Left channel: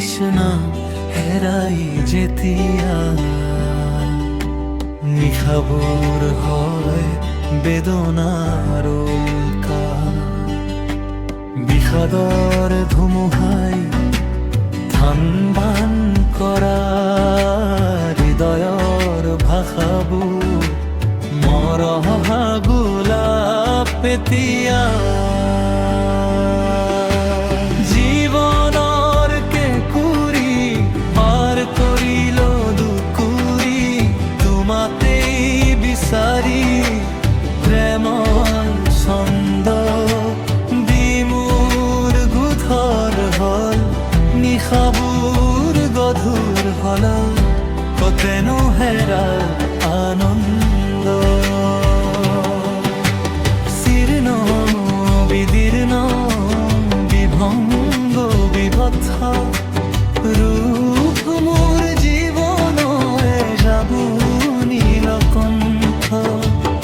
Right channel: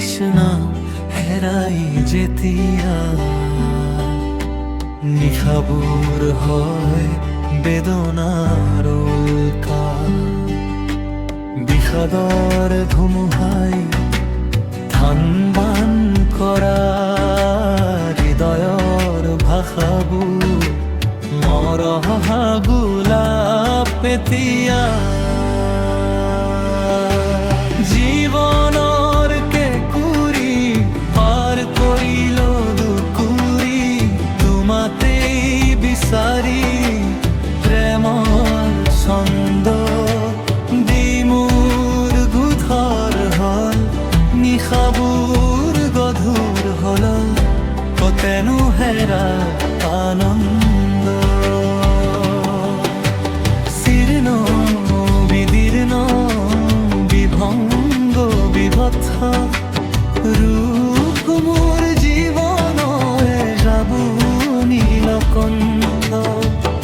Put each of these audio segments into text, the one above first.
তৃষ্ণা হেরাই যেতিয়া নিশাবোৰ হয় বেদনাৰ উল্কা বিষাদৰ ধুমুহাই ধান বান কৰা হৃদয়ৰ ভাষাবোৰ মৰহা গোলাপ এতিয়া জীৱনৰ কেঁকুৰি পাৰ কৰিল দুকুৰি তোমাতেই বিচাৰি প্ৰেমৰ ছন্দ দি মোৰ গোধৰ হল নিশাবোৰ গধুৰ হল কতেনো হেৰাৰ আনন্দ শীৰ্ণ বিদীৰ্ণ বিভংগ বিভৎস ৰূপ মোৰ জীৱনৰে যাবু নীলকণ্ঠ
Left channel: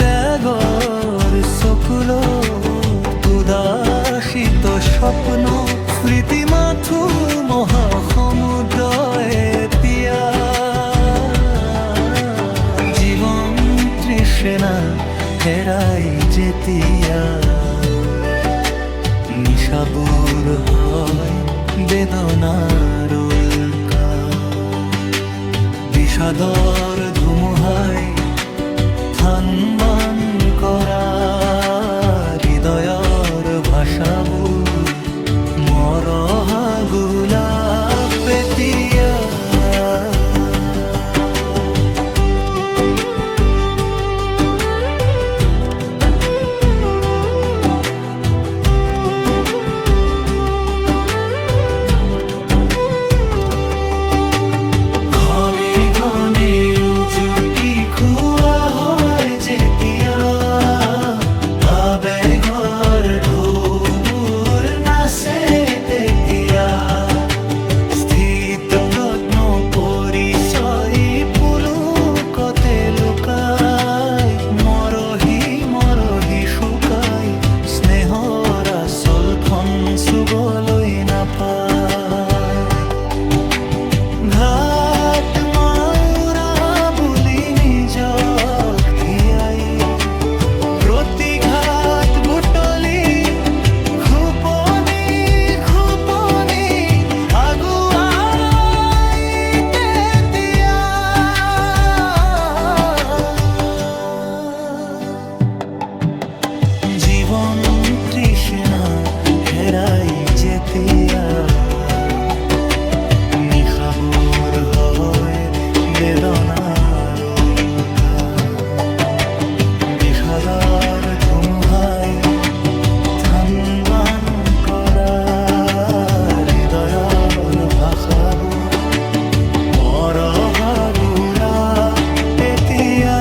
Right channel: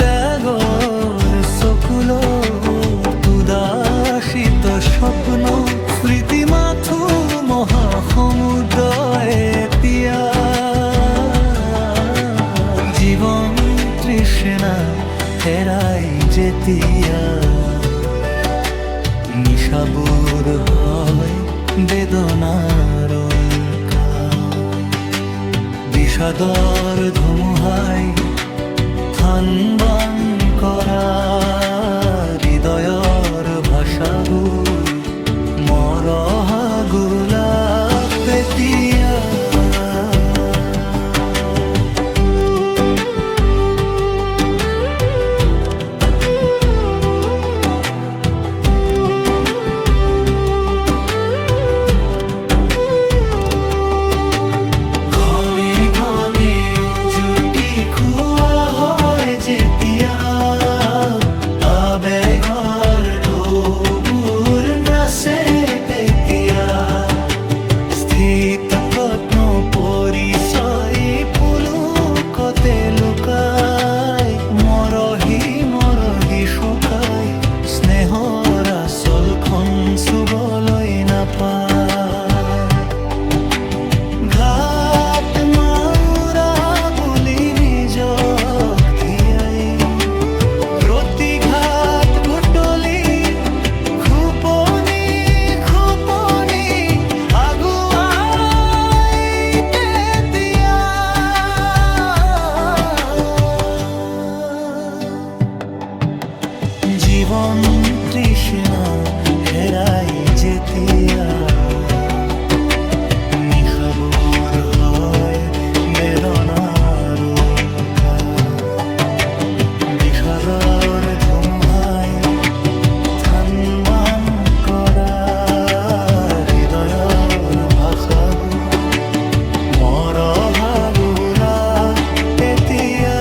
ত্যাগৰ চকুলো উদাসিত স্বপ্ন স্মৃতি মাথো মহাসমুদ্ৰ এতিয়া জীৱন তৃষ্ণা হেৰাই যেতিয়া নিশাবোৰ হয় বেদনাৰ উল্কা বিষাদৰ ধুমুহাই ধান বান কৰা হৃদয়ৰ ভাষাবোৰ মৰহা গোলাপ এতিয়া প্ৰজ্ঞ পৰিচয় পুলকতে লুকাই মৰহি মৰহি শুকাই স্নেহৰ আচলখন চুবলৈ নাপায় ঘাট মাউৰা বুলি নিজক ধিয়াই প্ৰতিঘাত বুটলি খুপনি খুপনি আগুৱা জীৱন তৃষ্ণা হেৰাই যেতিয়া নিশাবোৰ হয় বেদনাৰ উল্কা বিষাদৰ ধুমুহাই ধান বান কৰা হৃদয়ৰ ভাষাবোৰ মৰহা গোলাপ এতিয়া